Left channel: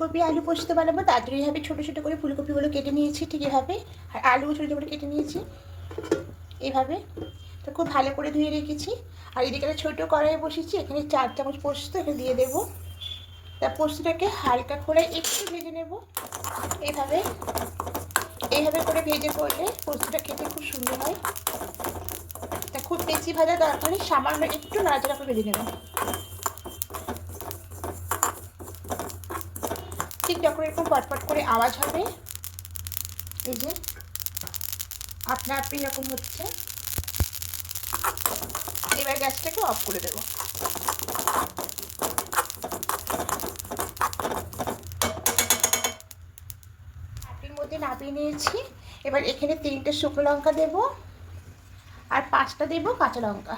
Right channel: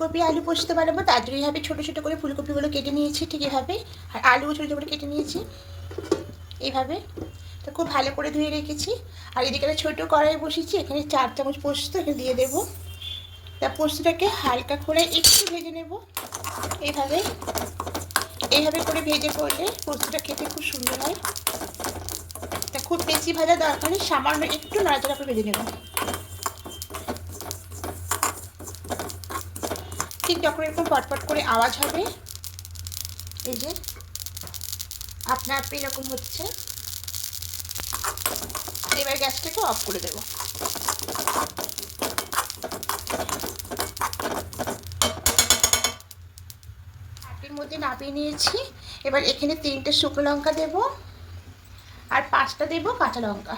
ফুলকপি আলু পোস্ত বানাবো, তার জন্য এইভাবে ছোটো ছোটো করে ফুলকপিগুলো কেটে নিয়েছি ঠিক এভাবে, আর আলুও ছোটো ছোটো করে কেটে নিয়েছি এইভাবে। তো খুব ভালো করে ধুয়ে রেখেছি। আর এদিকে ছোটো কড়াই বসিয়েছি, এখানে 4 চামচ পোস্ত এখানে দিয়ে দেবো। তা পোস্তটাকে হালকা করে একটু ভেজে নেব এইভাবে। এইভাবে করে ভেজে করলে পোস্তটা খেতে খুব সুন্দর হয়। তা খুব বেশি ভাজা দরকার নেই, সামান্য একটু নাড়াচাড়া করে ভেজে নেব। ঠিক যখন এরকম পটপট করে আওয়াজ হবে, এই যে আপনা আপনি এরকম হচ্ছে, এবার গ্যাসটাকে অফ করে দেবো। হাঁটির মধ্যে নামিয়ে নিয়েছি। এবার এখানে 3টে শুকনো লঙ্কা দেবো আর 5টা দেবো কাঁচা লঙ্কা।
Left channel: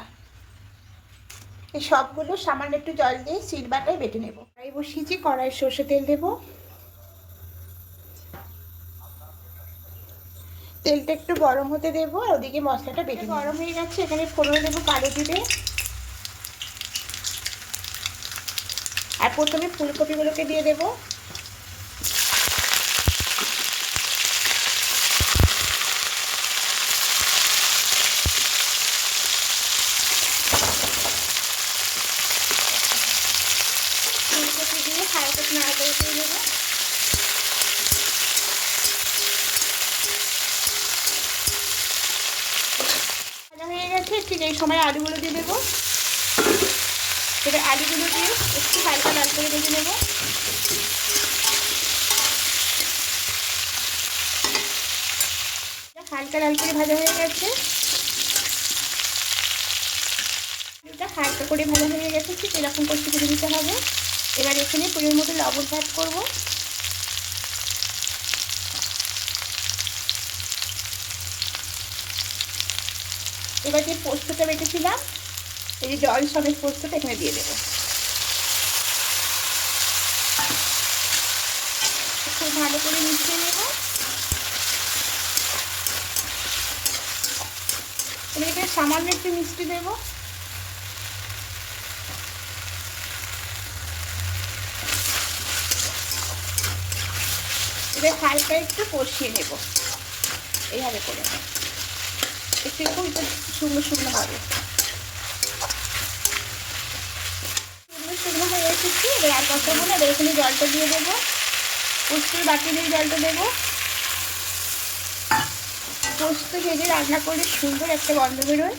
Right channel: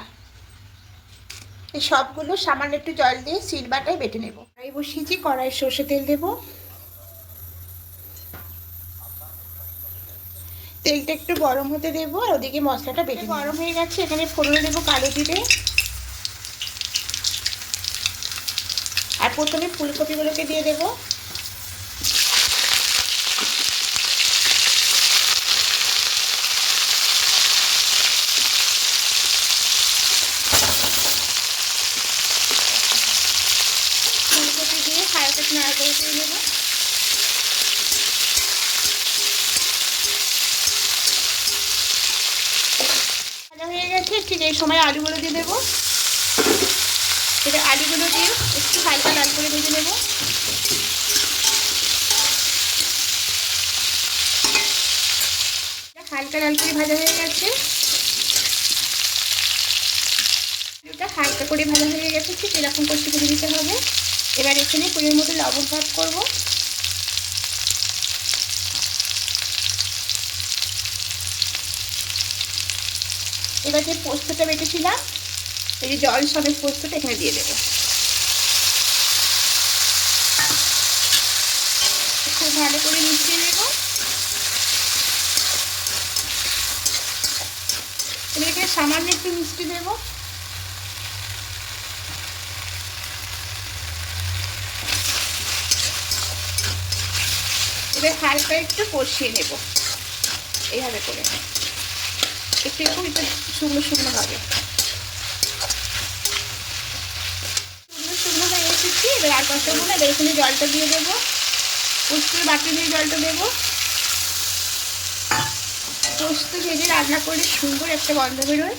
এই সবগুলো সামান্য একটু জল দিয়ে শিলবাটায় বেটে নেব। কড়াই বসিয়েছি, কড়াইয়ে সর্ষে তেল দেবো। তেলটা একটু গরম হতে দেবো, আর ওদিকে মশলাটা বেটে গরম হয়ে গেছে। এখানে ফোড়নে দেবো কালো জিরে, আর প্রথমে ফুলকপিগুলোকে দিয়ে দেবো। ফুলকপি দিয়ে হালকা নাড়া করে দিয়ে দেবো। ভাজা হয়ে গেছে, ঠিক এই সময় আলুগুলো দিয়ে দেবো। এবার আলুগুলো দিয়ে একটু হালকা লাল করে ভেজে নেব। হালকা লাল করে ভাজা হয়ে গেছে, আলুটা হালকা করে ভাজা হয়ে গেছে, ঠিক এরকম করতে ভেজে দিতে হবে। এবার এখানে পরিমাণ মতো লবণ অ্যাড করব। এবার যে পোস্তটা বেটেছিলাম, এই যে জল সমেত পোস্তটা এখানে দিয়ে দেবো। খুব ভালো করে মিশিয়ে নেব। এবার এখানে সামান্য একটু মিষ্টি দেবো। এবার হালকা একটু কষিয়ে নেব এইভাবে করে, একটু এরকম একটু শুকনো শুকনো হবে। শুকনো শুকনো হয়ে এসেছি, এবার আর কষাবো না। এবার এখানে জলটা দিয়ে দেবো, পোস্তের বাটি দিয়ে জলটা দেবো। পোস্ত ভেজে রান্না করে সুন্দর একটা গন্ধ বেরোয়।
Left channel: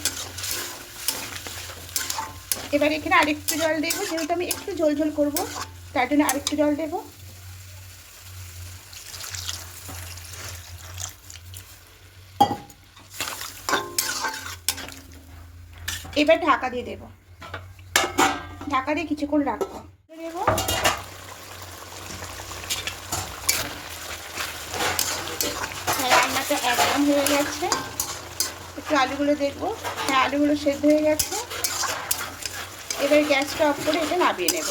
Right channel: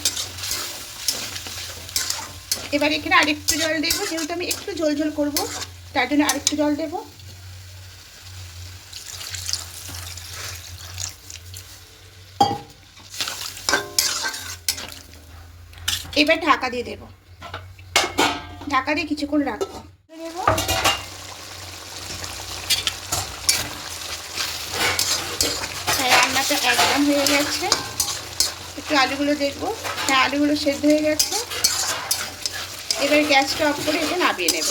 এবার এখানে আরেকটু জল দেবো, যেহেতু আমি একটু ঝোল ঝোল করবো, তার জন্য আরেকটু জল দেবো। এবার ঢাকা দিয়ে দেবো, ঢাকা দিয়ে কিছুক্ষণ রাখবো। দেবো রান্নাটা একদম হয়ে গেছে। একটু আলুগুলো দেখবো, হ্যাঁ আলুগুলো সেদ্ধ হয়ে গেছে। এবার গ্যাসটা অফ করে এটা নামিয়ে নেব।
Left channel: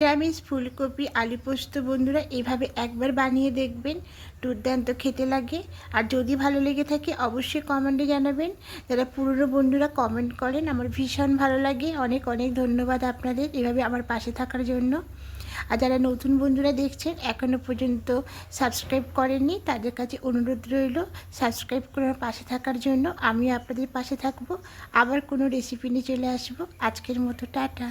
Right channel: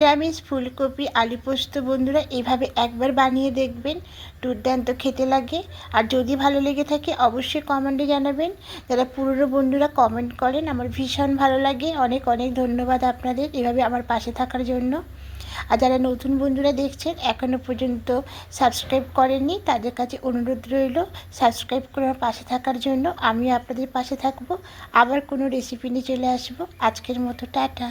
নিরামিষ ফুলকপি আলু পোস্ত বন্ধুরা এইভাবে একবার বানিয়ে দেখবেন, দুর্দান্ত খেতে লাগে। আর যদি ভালো লেগে থাকে অবশ্যই কমেন্টে জানাবেন। যারা পুরনো বন্ধুরা কমেন্ট করেন আমার ভীষণ ভালো লাগে। অনেক অনেক ধন্যবাদ আপনাদের এভাবে আমার পাশে থাকার জন্য। আর যারা নতুন বন্ধুরা দেখছেন এখনও পর্যন্ত সাবস্ক্রাইব করেননি, তাদের কাছে অনুরোধ রইল সাবস্ক্রাইব করে আমার পাশে থাকার জন্য। আমিও আপনাদের পাশে থাকবো। আবার কোনো রেসিপি নিয়ে চলে আসবো। আজকের মতো টাটা।